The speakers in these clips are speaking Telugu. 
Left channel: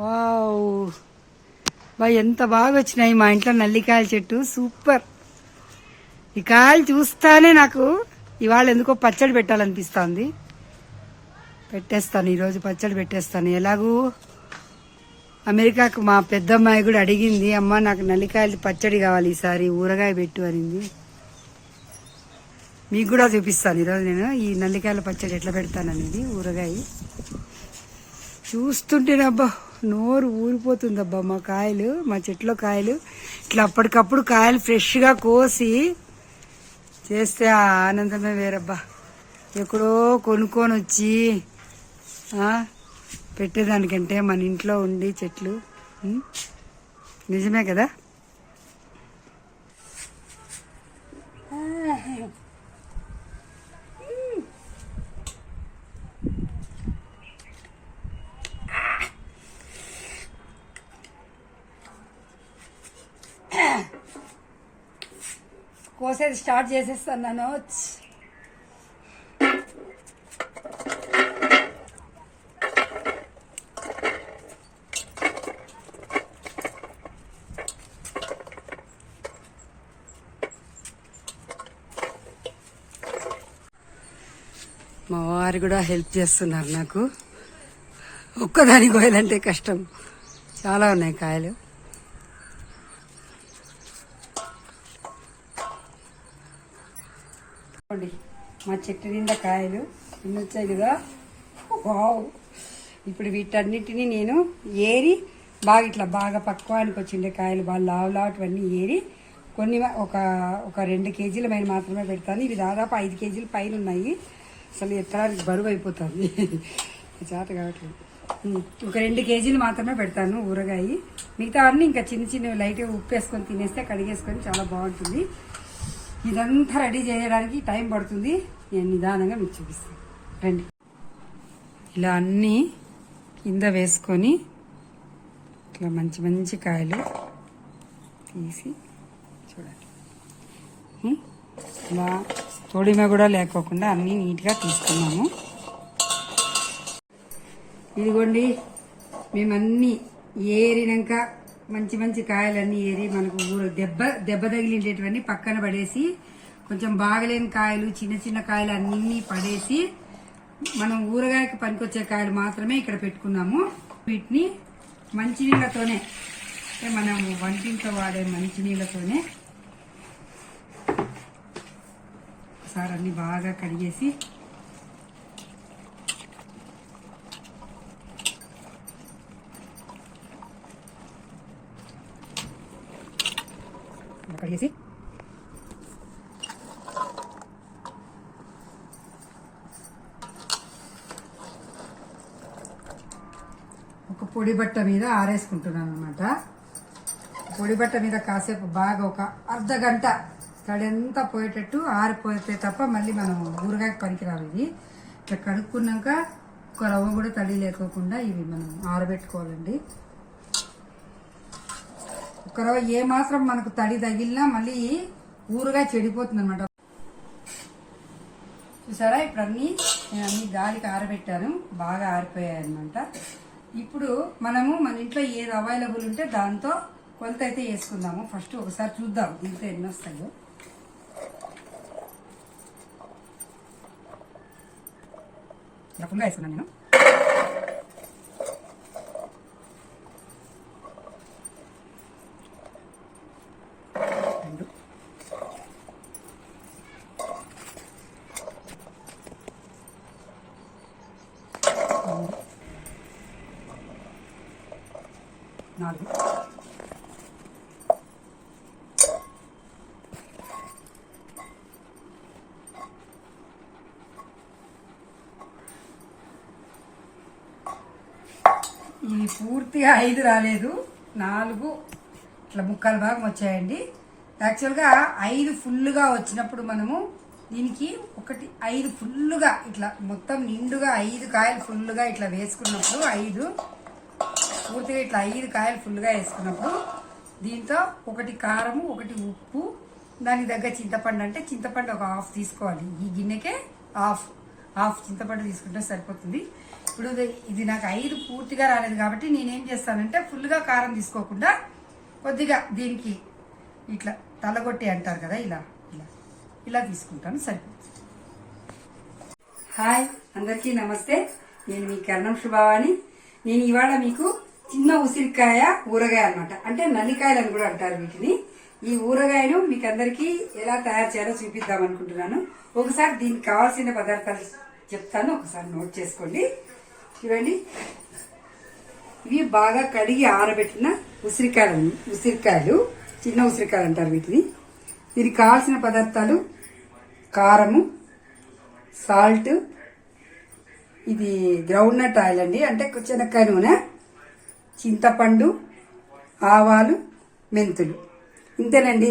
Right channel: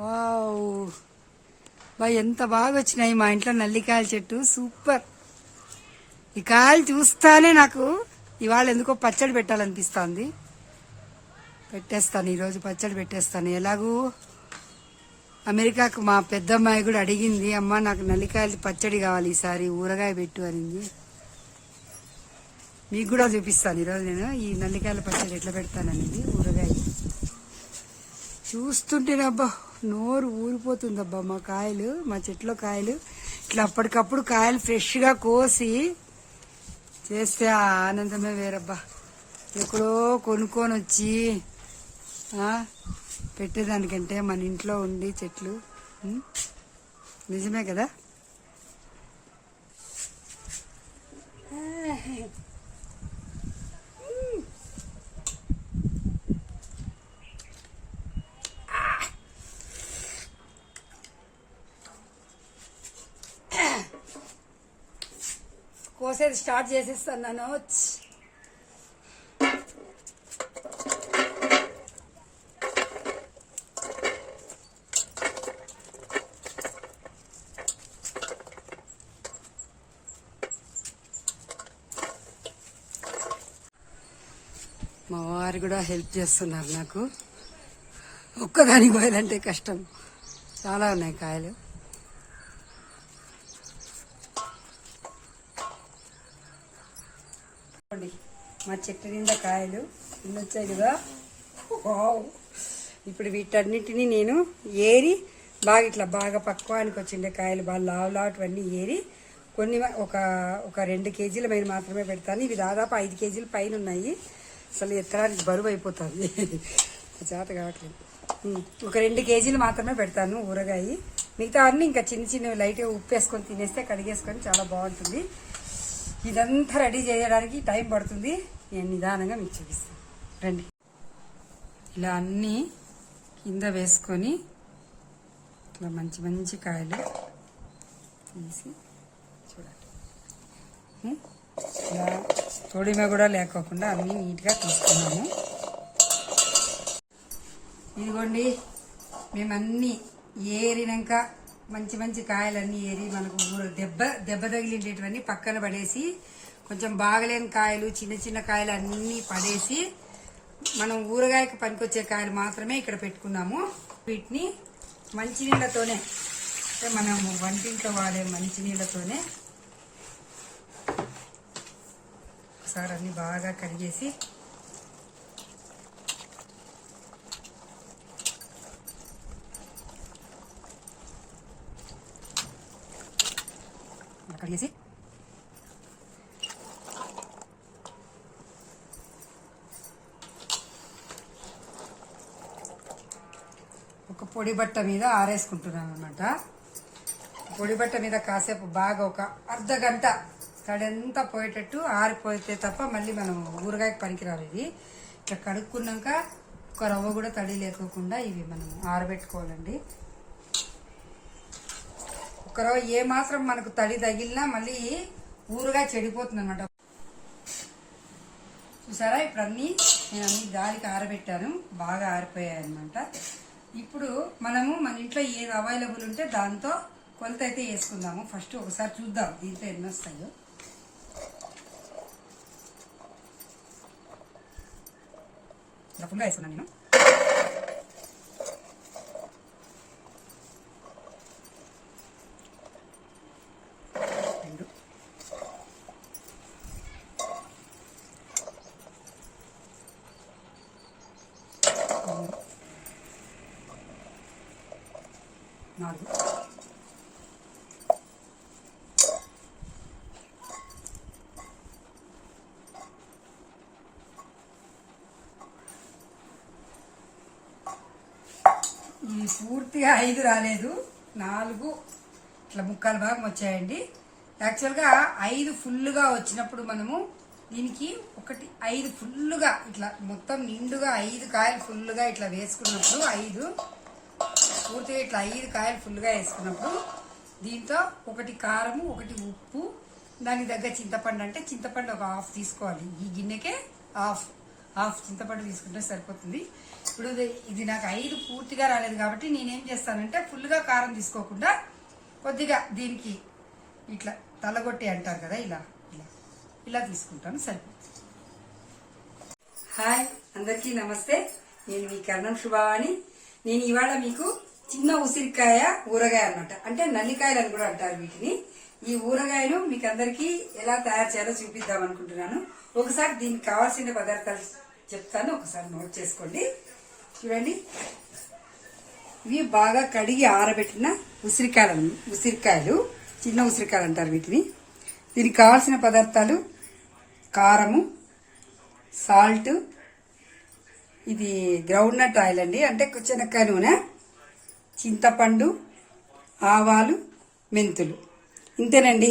వావ్ ఎంత బాగా వచ్చినాయి మా ఇంట్లో నల్లికాయల చెట్టు. సూపర్. ఈ కాయలు చూస్తానే నాకు ఇవాళ ఎందుకో పచ్చడి పెట్టాలనిపిస్తుంది. పెట్టేస్తాను, ఈరోజు పచ్చడి పెట్టేస్తాను. ఎలాగూ అమెరికాకు మా పెద్దమ్మాయి కూడా అడిగింది, అమ్మ నాకు నల్లికాయలు పచ్చడి కావాలి, ఈసారి ఊరగాయ పెట్టు అనింది. మీకు కూడా చూపిస్తాను ఈరోజు నేను ఈ నల్లికాయల పచ్చడి ఎట్లా పెడతాననేది. ఊరగాయ చూస్తుంటేనబ్బా నోరు ఊరిపోతుందబ్బా. మా కాయలు, మా చెట్లో కాయలు ఇట్లా అప్పటికప్పుడు కాయలు ఫ్రెష్గా కోసి చేస్తే ఆ ఆనందమే వేరబ్బా. ఎక్కడో కొనుక్కొని వచ్చి పెట్టేదానికంటే మన ఇంట్లో ఉండి చెట్లు. నిజమే కదా. కోసేది స్టార్ట్ చేసేస్తాను నేను. మా వారు కూడా హెల్ప్ చేస్తున్నారు నాకు. ఒక్కదాని కోయాలంటే కష్టం, చాలా ఉన్నాయి కాయలు. మా చెట్టు నిండా కాయలు ఎన్ని వచ్చాయి కదా. ఇప్పుడు వీటన్నిటినీ నేను ఏరి బాగా పక్వానికి వచ్చిండే కాయలు బాగా లావులావన్నీ ఏరి కొన్ని ఒక 2 కేజీల పైన మాత్రమే పెడతాను. ఇవి దాదాపు 5 కేజీల పైన ఉన్నాయి. అసలు ఎక్కడానికి బరువు అయిపోతుంది, చేత కావట్లేదు. ఒక 2 కేజీలు మాత్రమే పెడతాను ఊరగాయ. మిగతా అన్నీ ఇంకా చిన్నవి లైట్గా ఉప్పు వేసుకొని తినేస్తే కడిగేసుకొని చాలా బాగుంటుంది. ఇదంతా రెడీ చేయడానికి టైం పడుతుంది. నేను నిదానంగా మీకు చూపిస్తాను రండి. ఇలా అన్నీ కింద వేసుకొని ఇట్లా మంచి కాయలు తీసి చూడండి. ఇలా తొడిమ కూడా లేకోకుండా అన్నీ నీట్గా తీసుకున్నాము. ఇదిగోండి, మేమన్నీ ఏరినాక మంచి కాయలన్నీ ఏరి మనకు దెబ్బ తగిలిండేటివన్నీ పక్కన పడేసి కొంచెం బాగలేని కాయలు చిన్న కాయలు అన్నీ పడేసి మనం ఊరగాయకి పనికొచ్చే కాయలు మాత్రమే ఇక్కడ పెట్టుకున్నాము. వీటిని మంచినీళ్ళతోనే, మనం వంటింట్లో వాడే మంచినీళ్ళతోనే ఒకసారి అన్ని బాగా కడిగేసి ఒక పొడి బట్ట మీద ఆరేసుకుంటున్నాను అనమాట. పొడి బట్ట మీద కాసేపు బాగా ఒక అర్ధ గంట తడంతా పోయేటట్టు ఆరిపోతే తప్ప మళ్ళీ మనం ఊరగాయకి పనికిరావు. ఇది ఇట్లా కడుక్కున్నాక ఒక రవ్వ కూడా తడి లేకోకుండా ఇవి మనం ఆరబెట్టుకోవాలండి. ఒక రవ్వ ఏమాత్రం మనకు తడి తగిలినా మళ్ళీ ఊరుగా చెడిపోతుంది అనమాట. చూసారా, ఇప్పుడు నేను అన్ని గాలికి ఆరబెట్టాను, బాగా ఆరిపోయాయి అనమాట. ఇప్పుడు మనము మన ఇంట్లో ఏది అవైలబుల్ ఉంటే దాంతో కొలత అయితే వేసుకుందాము. ఫస్ట్ ఒకసారి చూద్దాం దీంట్లో ఎన్ని వస్తాయో. ఫుల్గా వేసుకున్నాను నేను. నాలుగు, ఈ పూర్తిగా 5 రాలేదు, 4 ఇట్లా ముక్కాలు భాగం వచ్చాయండి. యాక్చువల్గా 5 ఫుల్గా వచ్చినప్పుడు మనము దీనికి 5 ఫుల్గా ఇట్లా మొత్తం నిండుగా 5 కాయలు ఫుల్గా ఇట్లా వేసుకున్నప్పుడు 5 పూర్తిగా ఇట్లా 5 కాయలు ఫుల్గా వేసుకున్నప్పుడు దీంతో 1 కారము, 1 ఉప్పు, దానికి దగ్గర చింతపండు, అంటే చింతపండు ఒక హాఫ్ తీసుకోవాలి. ఈ గిన్నెకే హాఫ్ చింతపండు తీసుకుంటే సరిపోతుంది. ఇప్పుడు ఇది నాకు 5 పూర్తిగా రాలేదు కాబట్టి నేనేం చేస్తానంటే ఫుల్గా కారం తీసుకోకుండా కొద్దిగా దీనికి ఇట్లా తలగొట్టి అంటారు కదా, ఇలా ఇలా ఇలా తీసుకుంటాను, సరిపోతుంది. హాయ్, అందరికీ నమస్తే. నేను మీ కర్ణం శుభావాణి. నేను ఇవాళ మీకు చిన్న ఉసిరికాయ ఊరగాయ అన్నమాట, అంటే నల్లికాయలు అని కూడా అంటారు వీటిని. ఈ ఊరగాయను మీకు అందరికీ ఎలా తయారు చేయాలో చూపిద్దాం అనుకుంటున్నాను. ఒకసారి దీనికి కావాల్సిన పదార్థాలు చెప్తాను, ఒకసారి నోట్ చేసుకోండి. చూడండి, ఇవి బాగా కడిగి ఆరబెట్టిన ఉసిరికాయలు, చిన్న ఉసిరికాయలు అంటారు వీటిని. దీనికి కావాల్సిన పదార్థాలు కారము, సాల్ట్, ఇది గ్రౌండ్ నట్ ఆయిల్ అండి, అంటే శనక్కాయ నూనె, చింతపండు, ఆవాలు, మెంతులు. ఇంతేనండి.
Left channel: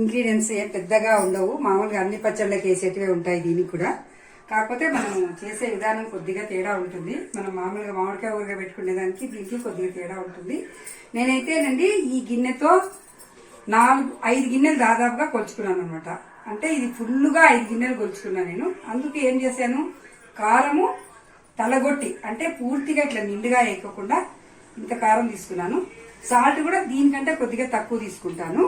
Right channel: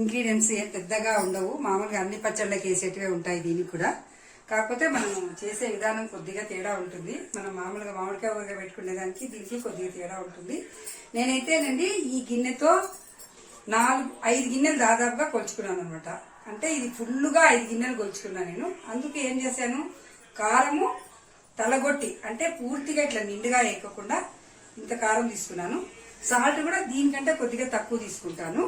ఇంగ్రీడియంట్స్ ఏం పెద్దగా ఉండవు, మామూలుగా అన్ని పచ్చళ్ళకి వేసేటివే ఉంటాయి దీనికి కూడా. కాకపోతే మనం చేసే విధానం కొద్దిగా తేడా ఉంటుంది. మనం మామూలుగా మామిడికాయ ఊరగా పెట్టుకునే దానికి దీనికి కొద్దిగా తేడా ఉంటుంది. నేనైతేనండి ఈ గిన్నెతో 5 గిన్నెలు దాదాపుగా కొలుచుకున్నాను అనమాట. అంటే ఇది ఫుల్గా 5 గిన్నెలు కొలుచుకున్నాను నేను. అందుకే ఏం చేశాను, కారము తలగొట్టి, అంటే పూర్తిగా ఇట్లా నిండుగా వేయకుండా ఇంత కారం తీసుకున్నాను. సాల్ట్ కూడా దీనికంటే కొద్దిగా తక్కువ తీసుకుంటాను.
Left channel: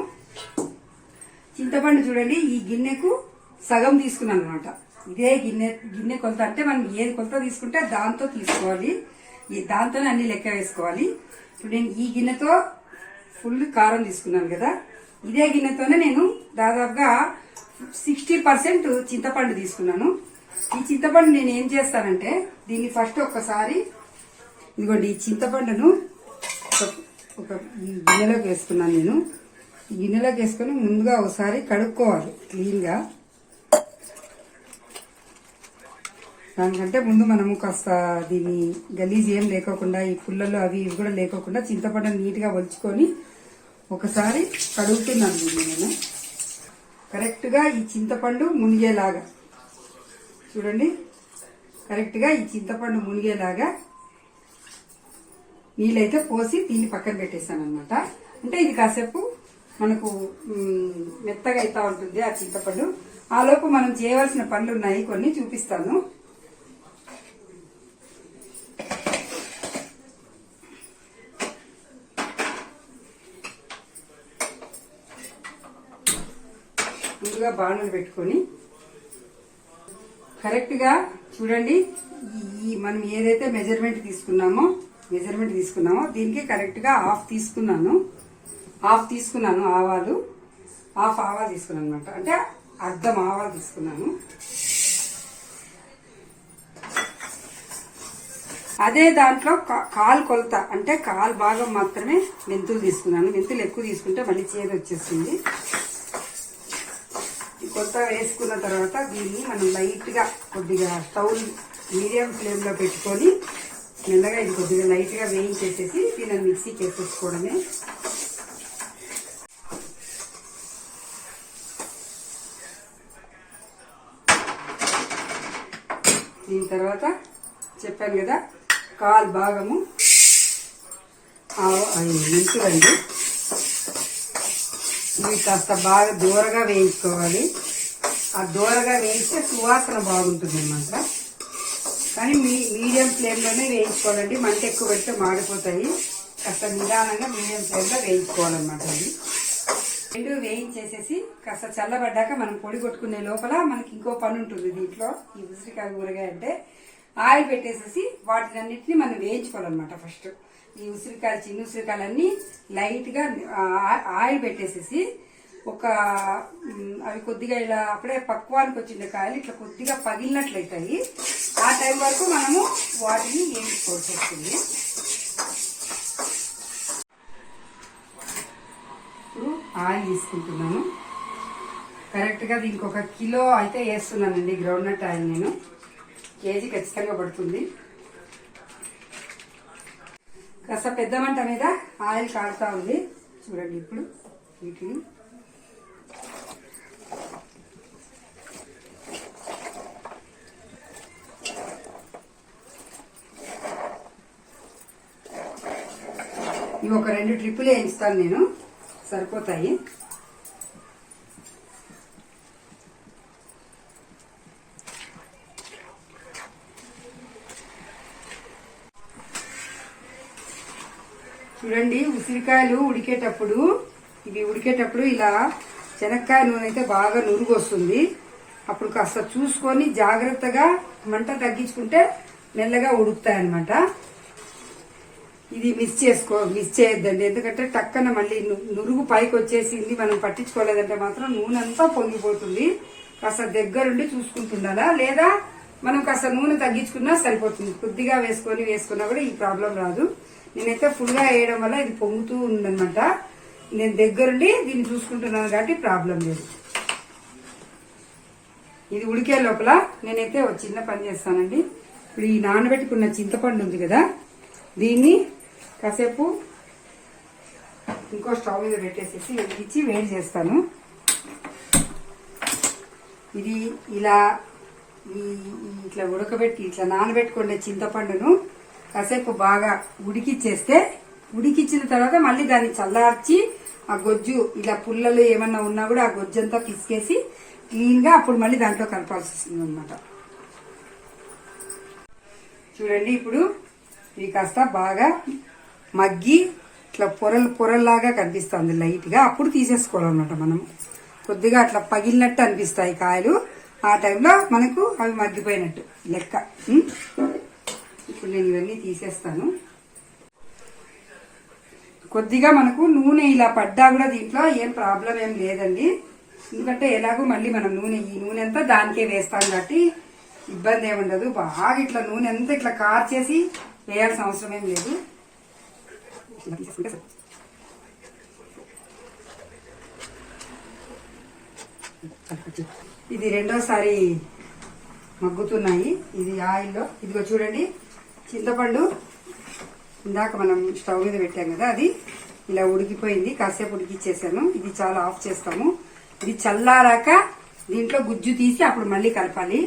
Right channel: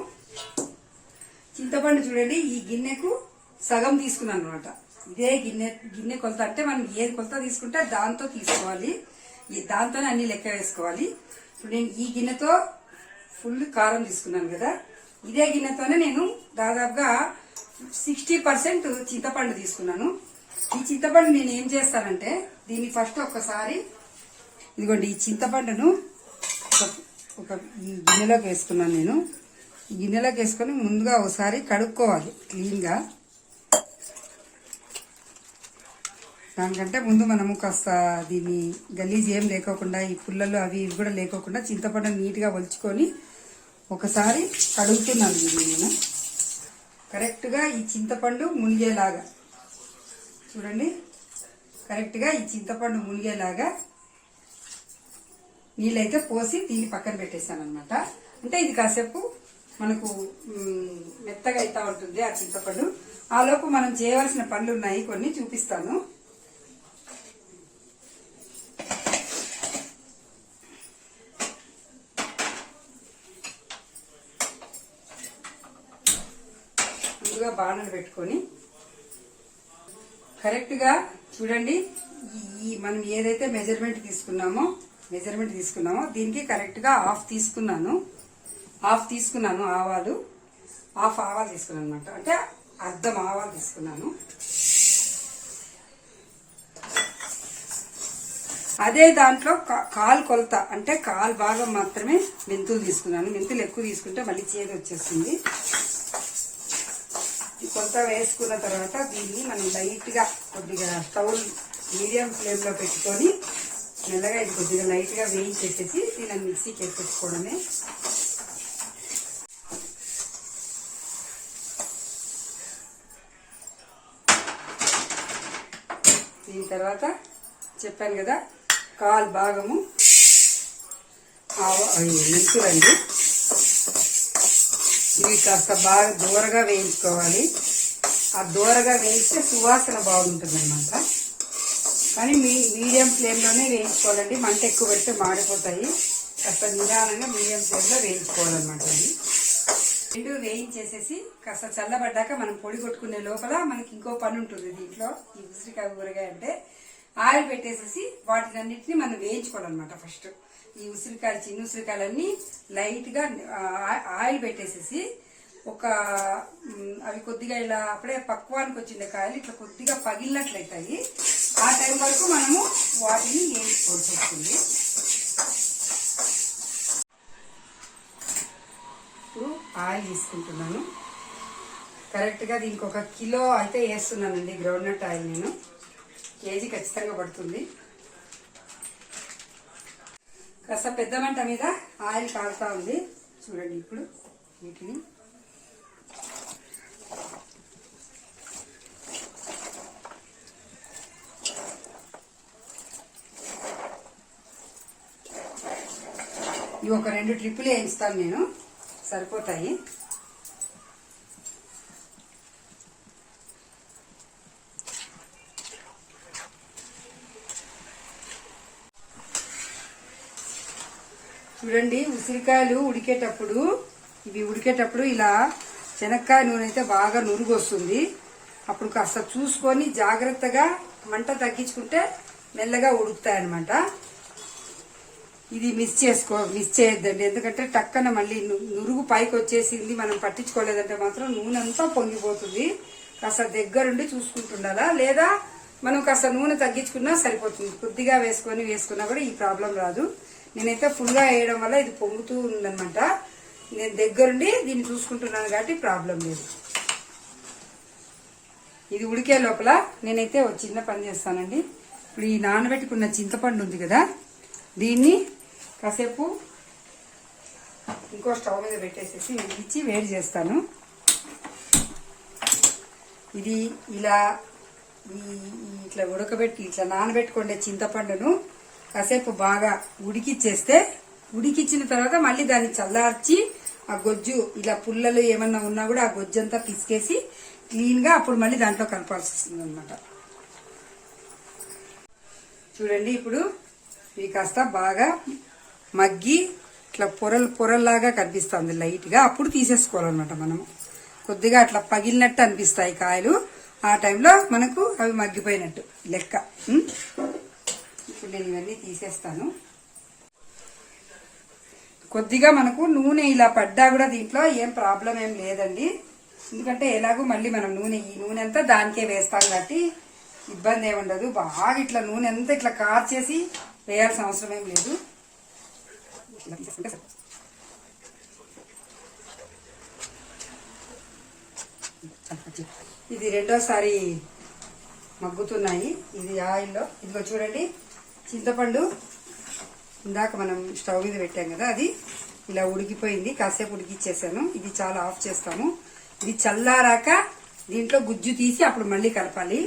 చింతపండు చూడండి, ఈ గిన్నెకు సగం తీసుకున్నాను అనమాట. ఇదే గిన్నె కొలత, అంటే మనం ఏది కొలత తీసుకుంటే దాంతో తీసుకోవాలి, దాంతోనే అన్ని లెక్క వేసుకోవాలి. ఇప్పుడు నేను ఈ గిన్నెతో ఫుల్ కారం తీసుకున్నాను కదా, ఇదే గిన్నెతోనే నేను దాదాపుగా 60% చింతపండు తీసుకున్నాను. ఈ చింతపండు నేను ఏం చేస్తానంటే, దీన్ని ఫస్ట్ ఒక్కసారి ఇదిగోండి ఈ చింతపండును ఒక ఈ గిన్నెలోకి వేసుకున్నాను నేను. ఈ గిన్నెలోకి వేసుకొని ముందుగా ఒకసారి కడుక్కోవాలి క్లీన్గా. దానికంటే ముందు మనము కాస్త దీన్ని గలీజ్ ఏం లేకోకుండా, ఈ పుల్లలు అవి ఇవి కూడా లేకోకుండా చింతపండును నీట్గా ఒలుచుకొని ఒకసారి కడుగుతున్నాను దీన్ని నేను. కరెక్ట్గా ఈ చింతపండు మునిగేలాగా చూడండి, కరెక్ట్గా ఈ చింతపండు మునిగేలాగా నీళ్ళైతే పోసి దీన్ని పక్కన పెట్టేశాను అనమాట. అంటే ఇది కాసేపు మనకు మెత్తగా అవుతా ఉంటుంది ఆ చింతపండు. ఆలోపు మనం చేయవలసిన పనులు ఉన్నాయి, కొన్ని చూపిస్తాను. ముందుగా బాణలు పెట్టుకొని కరెక్ట్గా చూడండి, ఈ మనం ఏదైతే మెజర్మెంట్ తీసుకున్నామో దీనికి కరెక్ట్గా హాఫ్ తీసుకున్నాను ఆవాలు, హాఫ్ ఆవాలు తీసుకున్నాను అనమాట. అంటే అర్ధం ఆవాలు తీసుకున్నాను. అదే దాంట్లో కాలు కొలత, అంటే కాలు భాగం మాత్రమే మెంతులు తీసుకున్నాను. మెంతులు ఎక్కువ తీసుకుంటే మళ్ళీ చేదు వచ్చేస్తుంది. కొలత వేసుకున్న తర్వాత దీన్ని మనం లైట్గా కొద్దిగా స్టవ్ మీడియం ఫ్లేమ్లో పెట్టుకొని మెల్లగా ఇది కొద్దిగా లైట్గా వేయించేసేసి దీన్ని మిక్సీకి వేసేసుకోవడమే. దీని తర్వాత చెప్పాను కదా, కాలు భాగము మెంతులండి. ఇవి కాస్త బాగా దూరగా వేయించుకోవాలి. ఆ దూరగా వేయిస్తే సువాసన బాగుంటుంది అనమాట. కానీ మీడియం ఫ్లేమ్లోనే వేయించుకోవాలండి, మంట ఎక్కువ పెడితే మాడిపోతాయి. కాస్త నిదానంగా మీడియం ఫ్లేమ్లో వేయించుకోవాలన్నమాట. ఇది రెండు వేయించేసేసి కాస్త చల్లబడ్డాక మనం పొడి కొట్టుకునే లోపల మనకి ఇంకో పని ఉంటుంది దీంట్లో. ఈ ఉసిరికాయ ఊరగాయ అంటే ఆయిల్ పెట్టేసేసి వాటినన్నిటిని మనం వేయించుకోవాలన్నమాట. ఫస్ట్ ఈ ఉసిరికాయలు, చిన్న ఉసిరికాయలన్నీ లైట్గా ఆయిల్ పెట్టేసేసి అవి కొద్దిగా ఇలా అప్పుడే పక్వానికి వచ్చిన కాయలు ఇట్లా కొద్దిగా పగిలినట్లయితాయి. ఆ టైం వరకు మనము వాటిని వేయించుకోవాల్సి వస్తుంది. ఇప్పుడు ఆయిల్ తీసుకుంటున్నాను. కరెక్ట్గా దీనికి 1 కిలో అయితే వేస్తున్నానండి గ్రౌండ్ నట్ ఆయిల్. నేను కేజీ ఖచ్చితంగా పడుతుంది. కాస్త పెద్ద మంట మీద ఆయిల్ కారుతా ఉంది చూడండి. ఇప్పుడు వీటిని ఇవి ఒక 2 ట్రిప్పులు వేయిస్తాను నేను, సరిపోతాయి. చూడండి, ఉసిరికాయలు ఉడికేటప్పుడు ఇలా శనక్కాయ నూనె అయితే బాగా నురుగు వస్తుంది. అప్పుడు కాస్త చూసుకొని జాగ్రత్తగా మంట తగ్గించుకుంటే మెల్లగా ఉడుకుతాయి అన్నమాట. ఇది మిస్ చేయొద్దండి, ఎందుకంటే టక్కన మళ్ళీ నురుగు పైకి వచ్చేసింది, మనం పట్టించుకోలేదంటే మాత్రం నూనె అంతా పొంగిపోతుంది. కాస్త దగ్గరుండి చూసుకుంటుండాలా, లేదా మనం కాస్త నూనె తగ్గించుకున్నా సరిపోతుంది. కొద్దిగా వేసుకున్నా కూడా ఈ ప్రాబ్లం రాదు. నేనైతే ఫుల్ గా వేయడం వల్ల ఇది పొంగుతూ ఉందన్నమాట. నేను దగ్గరుండి దీన్ని చూసుకుంటున్నాను కాబట్టి ప్రాబ్లం లేదు. ఇది ఉడికే లోపల నేనైతే ఒక చిన్న పని చేస్తానండి. ఇప్పుడు ఈ నానబెట్టుకున్న చింతపండు ఉంది కదా, దీన్ని కాసేపు ఇంకో స్టవ్ మీద పెట్టేసేసి ఇచ్చి వేడి చేస్తాను. ఇది ఇట్లా ఉడకబెట్టి ఇట్లా నానబెట్టుకునే చింతపండును కాసేపు బాగా ఉడికిచ్చిన తర్వాత మళ్ళీ దాన్ని చల్లార్చి ఆ గొజ్జు ఇలా పుల్లలు ఏమన్నా ఉన్నా కూడా ఆ గొజ్జు అంతా పిసికేసి క్లీన్ గా అప్పుడు మళ్ళీ దాంట్లో కలపాల్సి వస్తుంది అనమాట. చూడండి, ఇప్పుడు ఇవి కాస్త బాగా మగ్గి ఇట్లా పొరల్లాగా కనిపిస్తుంది లైట్ గా. అప్పుడు తీసేసుకోవాలన్నమాట. మనం కొద్దిగా అట్లా పగిలినట్టు అనిపిస్తాయి కాయలు. ఆ టైంలో మనకు అవి మగ్గిపోయినట్టు లెక్క. ఇప్పుడు నేను ఇవన్నీ తీసేస్తాను. కొద్దిగా మనకు నూనె ఇలా పడ్డా కూడా దీంట్లో ఏం ప్రాబ్లం ఏం లేదండి, ఎందుకంటే ఎలాగో మళ్ళీ మనం ఈ నూనె అంతా దానికే వేస్తాం కాబట్టి ఇబ్బంది ఏమి ఉండదు. బాగా ఇట్లా నూనె అంతా ఇట్లా కార్చేసి వేయాల్సిన అవసరం ఏం లేదు. ఇది రెండోసారి మగ్గుతున్నాయి. ఇది ఆయిల్లో. ఇదిగో చూడండి, చింతపండు ఇందాక మనం స్టవ్ మీద పెట్టాం కదా, అది ఇలా ఉడికిపోయింది. కాసేపు ఉడికిచ్చేసాను. ఇది చాలా ఆఫ్ చేస్తాము. ఇది చల్లారాక దీంట్లో గుజ్జు తీసి అప్పుడు మళ్ళీ కలపాలి.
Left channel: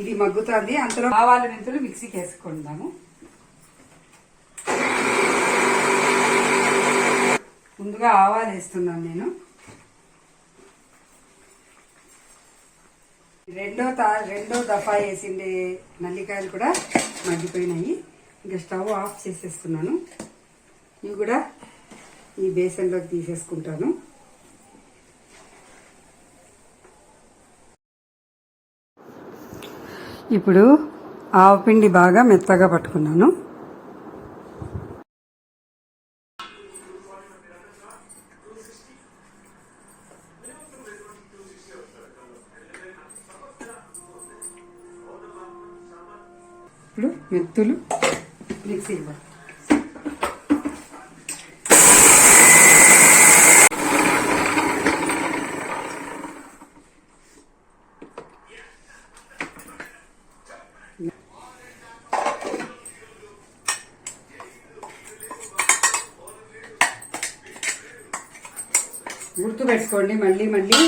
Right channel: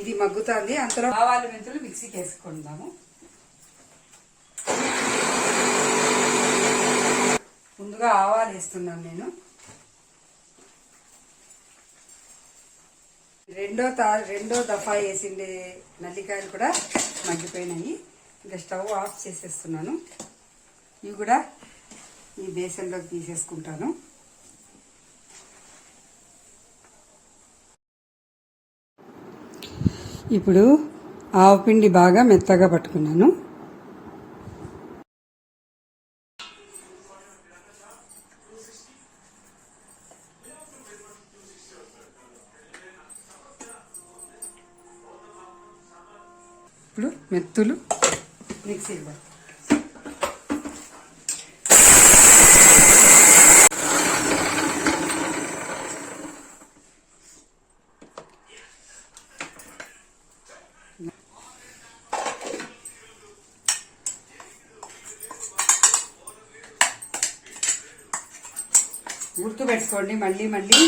ఇది మగ్గుతుంది. అంతలో ఆవాలు మెంతులు మిక్సీకి వేసుకుందాము. ముందుగా ఆవాలు వేస్తున్నాను నేను. రెండో దఫా వేసిండే నల్లికాయలు కూడా మగ్గిపోయినాయి. ఇంకా స్టవ్ ఆఫ్ చేసేస్తున్నాను. ఇవి కూడా ఈ బేసన్లోకి తీసేసుకుంటాను. ఇప్పుడు ఆవపిండి బాగా మెత్తగా పట్టుకున్నాను. ఇప్పుడు మెత్తులు మిక్సీలో గుర్తు పెట్టుకోండి. మళ్ళీ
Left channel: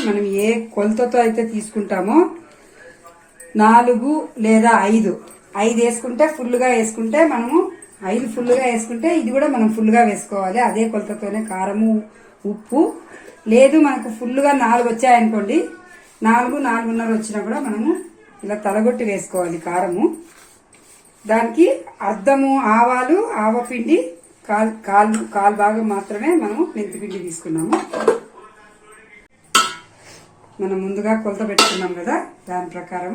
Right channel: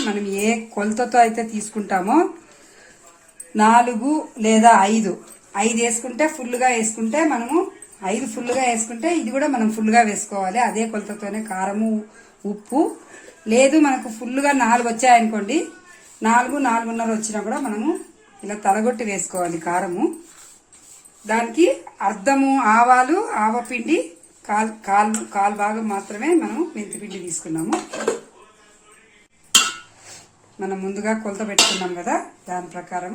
మనం ఏ కొలతతో అయితే తీసుకుంటామో 4 లేదా 5 వేసుకుంటే ఫుల్గా వేసుకుంటే మనము 5 ఫుల్గా వేసుకుంటే ఇది కూడా మనం ఫుల్గా వేసుకోవాలి. అదే కొలతతోనే కారము, ఉప్పు. లేదు మనకు ఫుల్గా 4 వచ్చాయనుకోండి, 4.5 వచ్చినా కూడా మనము ఇలా తలగొట్టి వేసుకోవాలి కారము. దానికి అర్ధము ఆవాలు, ఆవపిండి, కాల్ భాగం మాత్రమే మనం మెంతిపిండి తీసుకున్నాము. మనం ముందుగా కొలత పెట్టుకున్నాం కదా, దాని ప్రకారం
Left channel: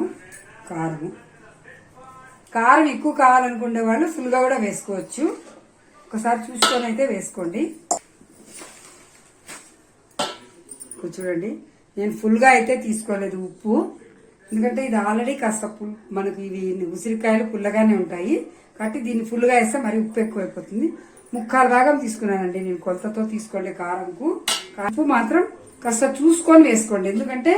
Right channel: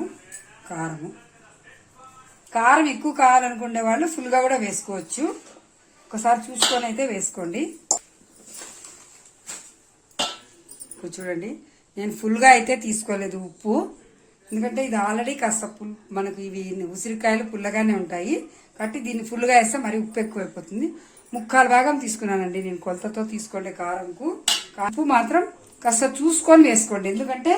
కారం ఎక్కువ కావాలనుకునే వాళ్ళు ఫుల్గా కూడా వేసుకోవచ్చు. ఒకసారి చూసుకొని అయితే వేసుకోండి. చూడండి, నేను ఫుల్గా అయితే తీసుకోలేదు ఉప్పు, ఎందుకంటే ఇది ఆల్రెడీ కాస్త మనకు ఇవి ఉసిరికాయలు పుల్లగానే ఉంటాయి కాబట్టి దీన్ని ఫుల్గా వేస్తే మరి ఉప్పు ఎక్కువైపోతుంది. 3/4 భాగం తీసుకున్నానండి నేను కొలతతో తీసుకోండి కారంకు. ఉప్పు మాత్రం కాస్త చూసుకొని వేసుకోండి, ఎందుకంటే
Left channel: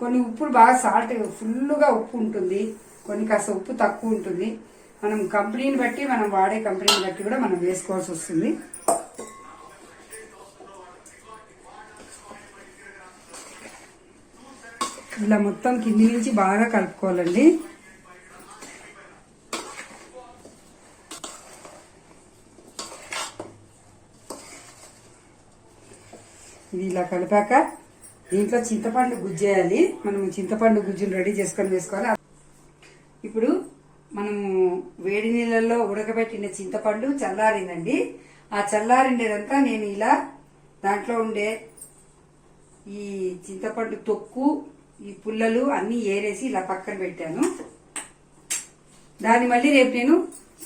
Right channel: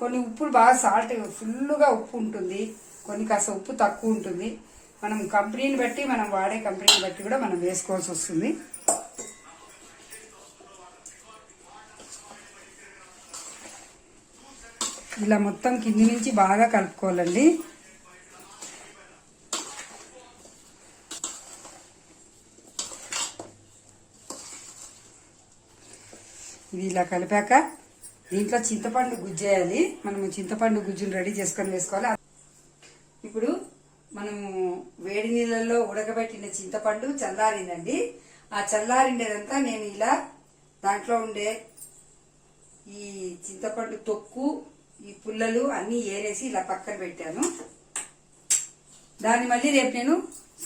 కొన్ని ఉప్పులు బాగా సాల్ట్ ఫుల్గా ఉప్పు ఉంటుంది, కొన్ని కాస్త ఉప్పు తక్కువ ఉంటుంది. మనం కంపెనీని బట్టి, మనం వాడే కంపెనీని బట్టి కూడా మనం వేసుకోవాల్సి వస్తుంది. ఇలా మొత్తం కింది నుంచి బాగా కలుపుకోవాలండి. ఇది ఇలా కలిపాక దీంట్లో చింతపండు గుజ్జేయాలి. మనం చింతపండు గుజ్జును రెడీ చేసుకొని వేసుకోవాలి. ఇప్పుడు మనము వేడి నీళ్ళల్లో ఉడకబెట్టిన చింతపండు చల్లారిందండి. ఆ చల్లారిండేదంతా నేను ఇలా దాంట్లో ఉండే ఈ చింతపండు తొక్కు, ఈ పుల్లలు అన్ని ఏరేసి ఇలా పక్కన పెట్టాను. దాన్ని మళ్ళీ రేపు నేను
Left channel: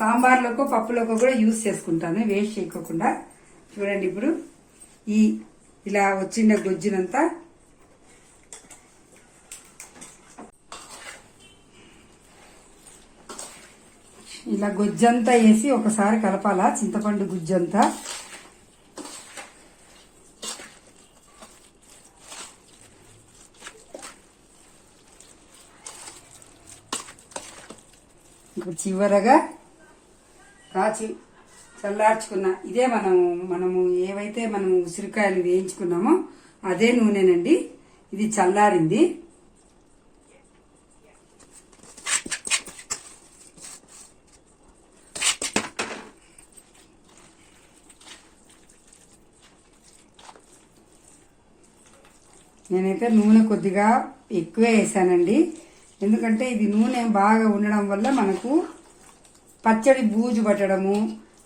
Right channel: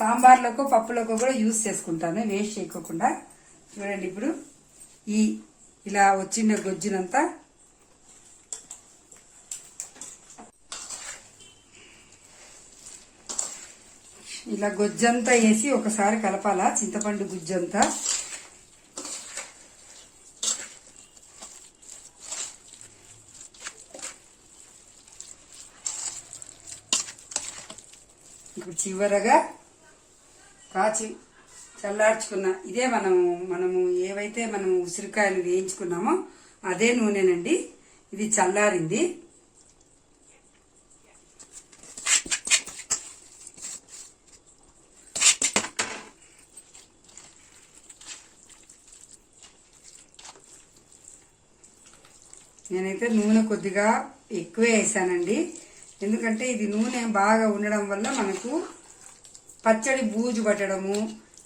సాంబార్లోకో పప్పులోకో కూడా యూజ్ చేసుకుంటాను, వేస్ట్ చేయకోకుండా. చూడండి, ఇప్పుడు ఈ ఇలా వచ్చిన గొజ్జునంతా ఇలా గొజ్జంతా వేసి ఒకసారి కలపాలా, చింతపండు గుజ్జంతా. ఇప్పుడు చివరగా కాచి చల్లార్చుకున్న ఇదే మనము ఏవైతే మనం ఉసిరికాయలు వేయించుకున్నామో అదే నూనెనండి. ఇది చల్లారింది. నేనైతే నూనె కొద్దిగా ఎక్కువే వేసానండి. ఎందుకంటే ఇది నూనె బాగా ఉండడం వల్ల మనకు పచ్చడి బూజు పట్టడము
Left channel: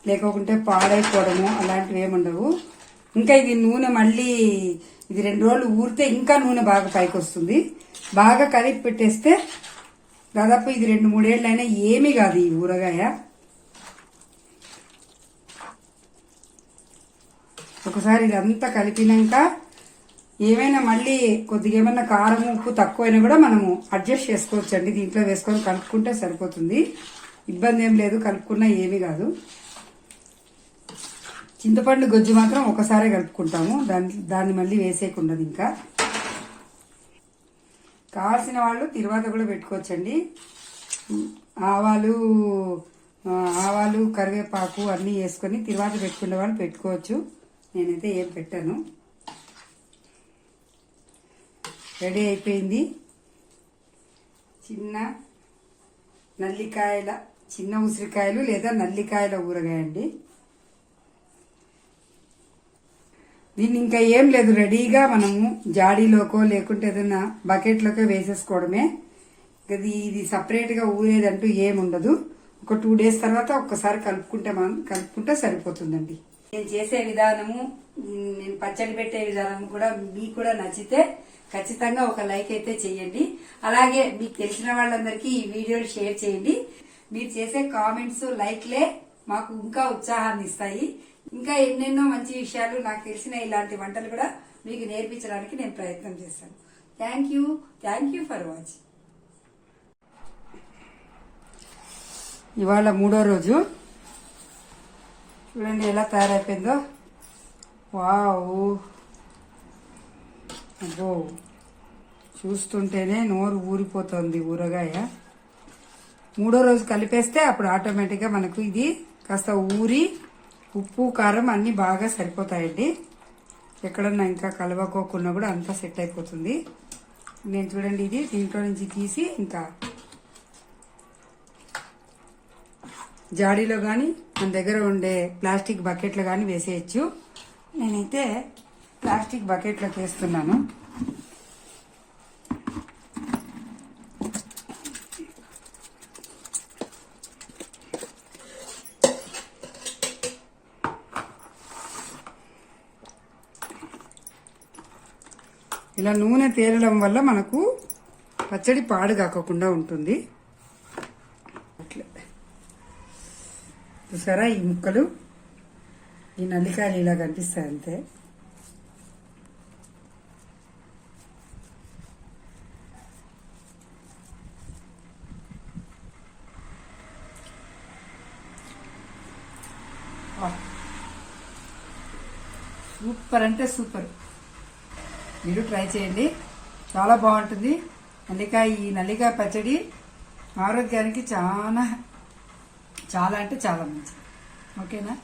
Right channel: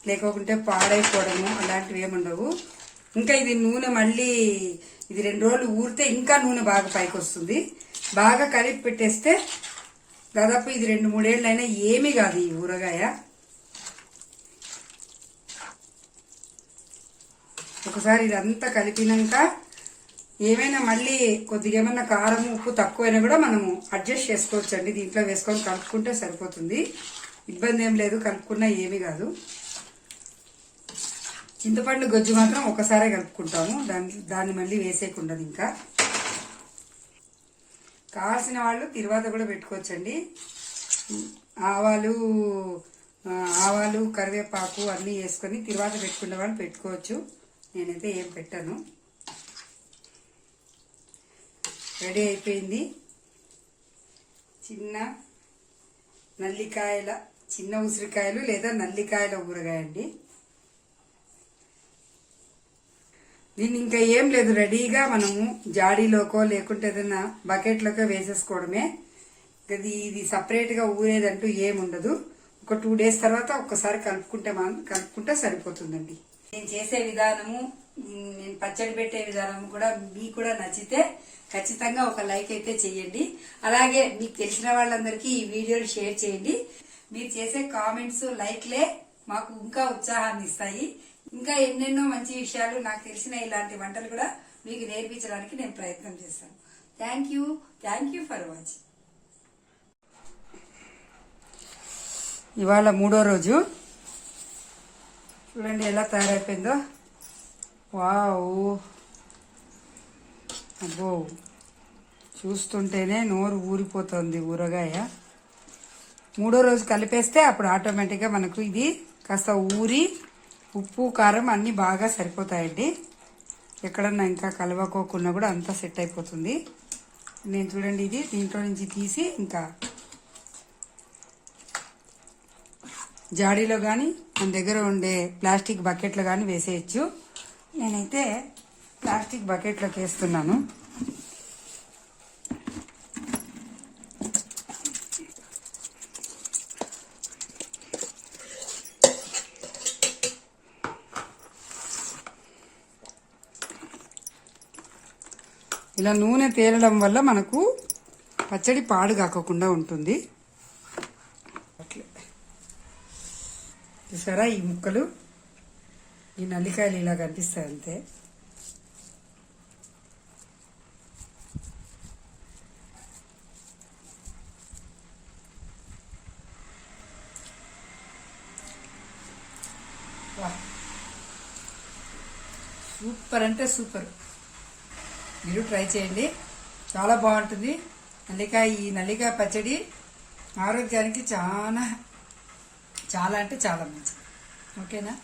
లేకుంటే పాడైపోవడము అలాంటివి ఏముండవు. ఇంకా ఇది నూనె మళ్ళీ ఇది 2 రోజులు ఊరితే ఇంకా నూనె బాగా పైకి వస్తుంది. బాగా కలిపి పెట్టేస్తే దాదాపు ఇది 2-3 ఏళ్ళైనా ఏమీ కాదు ఈ ఊరగాయ. ఒకసారి ఇదంతా కలిపినాక ఏమైనా మళ్ళీ కొద్దిగా ఏమన్నా కారం ఉప్పు తక్కువైనా కూడా మనము అడ్జస్ట్ చేసుకోవచ్చు అండి. దీంట్లో వేసుకొని కలుపుకుంటే సరిపోతుంది, ఇబ్బంది ఏం లేదు. కలుపుకున్నా ఏమీ కాదు. చింతపండు గొజ్జు మాత్రం ఒకసారి కలుపుకుంటాము, దాన్ని మళ్ళీ వేసేయకుండదు. ఇంకా కావాల్సిన వాళ్ళు తిరువాత కూడా పెట్టుకోవచ్చండి. ఆవాలు కరివేపాకు అన్నీ వేసుకొని తిరువాత పెట్టుకునే వాళ్ళు పెట్టుకోవచ్చు. నేనైతే ఏం పెట్టాను. రెడీ అయిపోయింది. చిన్న ఉసిరికాయలు లేదా నల్లికాయల ఊరగాయ అండి. దీన్ని ఇంకా ఏం లేదు, రెడీగా మనము జాడీలోకో లేకుంటే ఏదైనా బకెట్లోకో వేసేసుకోవడమే. ఇది సపరేట్గా ఊరేదంటూ ఏముండదు. ఒక 2 days తర్వాత ఒక్కసారి కలుపుకుంటే సరిపోతుందండి. నేను చేసే విధానము, నేను పచ్చడి పెట్టే విధానం కూడా మీకు కూడా నచ్చితే ఖచ్చితంగా ఒక లైక్ అయితే చేయండి. అలాగే మీకు తెలిసిన వాళ్ళందరికీ ఈ వీడియోలు షేర్ చేయండి. మీరు చేసే కామెంట్స్, లైక్లే మాకు ఇంకా ఉత్సాహాన్ని ఇస్తాయి. ఇంకా ఎన్నెన్నో మంచి విషయాలు, నాకు తెలిసిన ఇలాంటి వంటలు కూడా మీకు నేర్పించడానికి నేను ప్రయత్నం చేస్తాను. Thank you for watching. ఇవాళ 3వ రోజు. చూడండి ఎలా తయారైపోయిందో. వావ్, అబ్బో, చూస్తుంటేనే నోరు ఊరిపోతుంది ఊరగాయ. 3వ రోజు కలిపేస్తే అప్పుడు ఆటోమేటిక్గా మనకు ఇది కాస్త ఊరి ఉప్పు కారం అన్నీ బాగా సరిపోతాయండి. ఎక్కడన్నా ఇంకా కలవకోకుండా కూడా అంతా సెట్ అయిపోతుంది. నేను చూడండి ఇది దీంట్లో నుంచి తీసి ఇంకా జాడీలో కానీ మన దగ్గర ఉండే ప్లాస్టిక్ బకెట్లో కానీ వేసేయచ్చు. నేనైతే ప్లాస్టిక్ బకెట్లోకి వేస్తున్నాను. ఇలా నూనె తేలడం వల్ల మనకు పచ్చడి పాడు కాకుండా ఉంటుంది. చూసారా, ఈ ముక్కలు, ఈ నల్లికాయలు ఇలా కనిపిస్తాయి అంతే. సూపర్ అంటే సూపర్. మీరు ట్రై చేయండి, చాలా బాగుంటుంది. ఈ నల్లికాయ పచ్చడి ఆరోగ్యానికి చాలా అంటే చాలా మంచిది. ఓకేనా?